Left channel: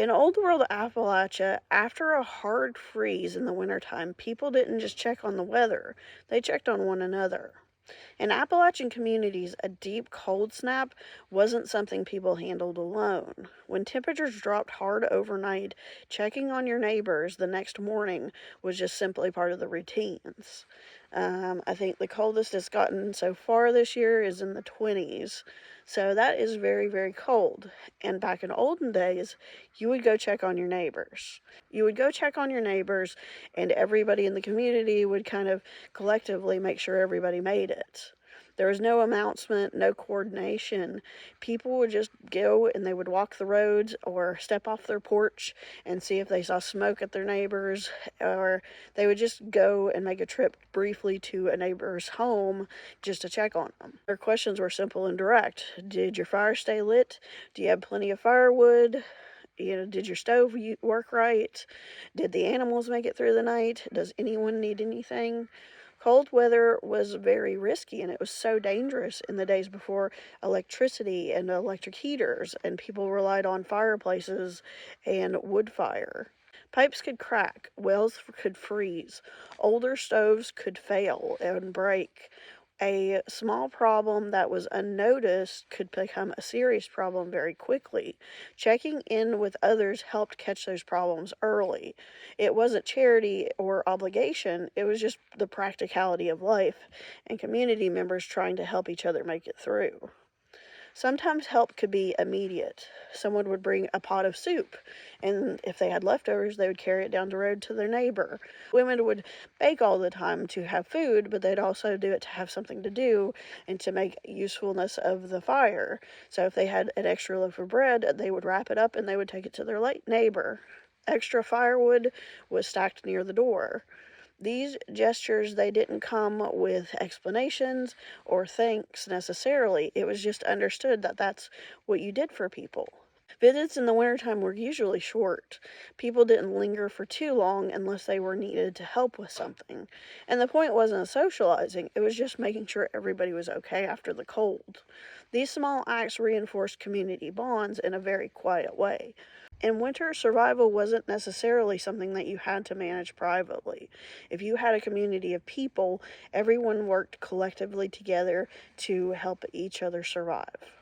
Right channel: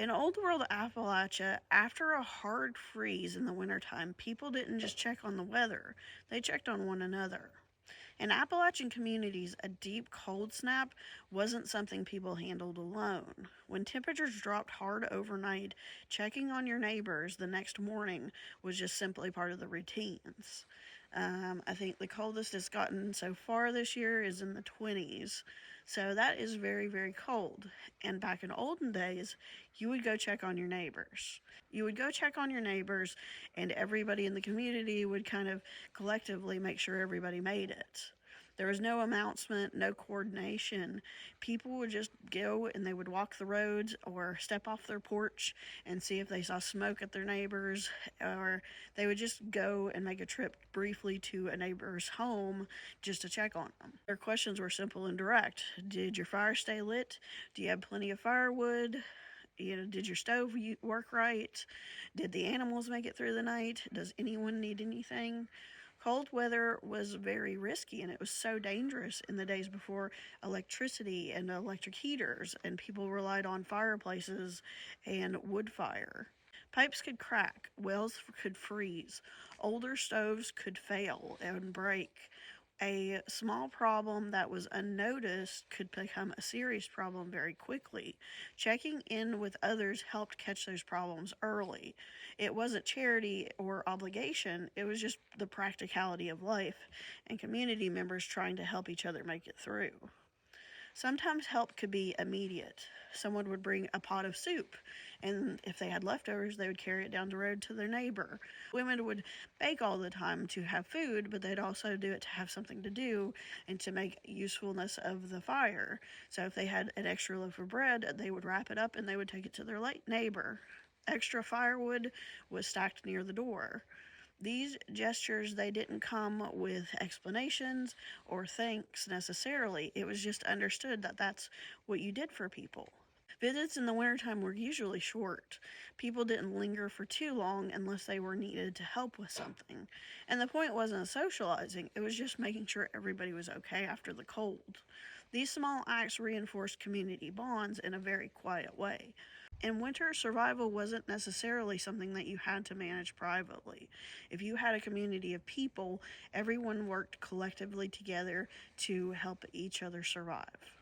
In old world Appalachia, after a hard freeze in the wintertime, people didn't just check on the weather, they checked on one another. In Appalachian communities, a deep cold snap wasn't something people handled alone. When temperatures dropped hard overnight, checking on your neighbors the next morning was just simply part of the routines. I think the coldest it's gotten so far this year is in the 20s. So that is very, very cold. And back in olden days, you would go check on your neighbors. You would go check on your neighbors, and everybody in the community would kind of collectively make sure everybody made it. There was no announcement, no coordination. People would just go and they would walk the roads or step off their porch and see if they saw smoke at their neighbors, or they would just go and make a trip briefly to a neighbor's home just to check on them. Their questions were simple and direct. Did your fire stay lit? Do you have plenty of firewood? Did your stove work right? Did the animals make it through the night? Does anyone need anything? Cold weather was very risky, and it was so dangerous in the days before electricity and electric heaters, and people relied on fireplaces and wood fire. Pipes could crack, wells could freeze, older stoves could fail and break. A small problem that was unnoticed could become a serious problem very quickly. Checking in with others helped catch those problems early. It wasn't charity or obligation, it was just the practicality of life and community members trying to help each other make it through. Sometimes help could be immediate. Someone would bring a pot of soup, and if they had leftovers, they would carry it down the road to their neighbor. Women would bake all the time to have food, but they'd also do it to have something to do and to make usefulness of the fire. So if they had an extra loaf of bread, they would wrap it up and they would take it to their neighbor. Extra firewood was stacked near the door. These gestures, they didn't come with explanations or thanks necessarily. It was just understood that that's what you did for people. Visits in the wintertime were usually short. People didn't linger for too long unless they were needed to help with something. And the point wasn't socializing, it was just making sure everybody was okay after the cold. These small acts reinforced community bonds in a very quiet way. In winter, survival wasn't necessarily something that you had to manage privately. If you had a community of people, everyone worked collectively together to help each other survive.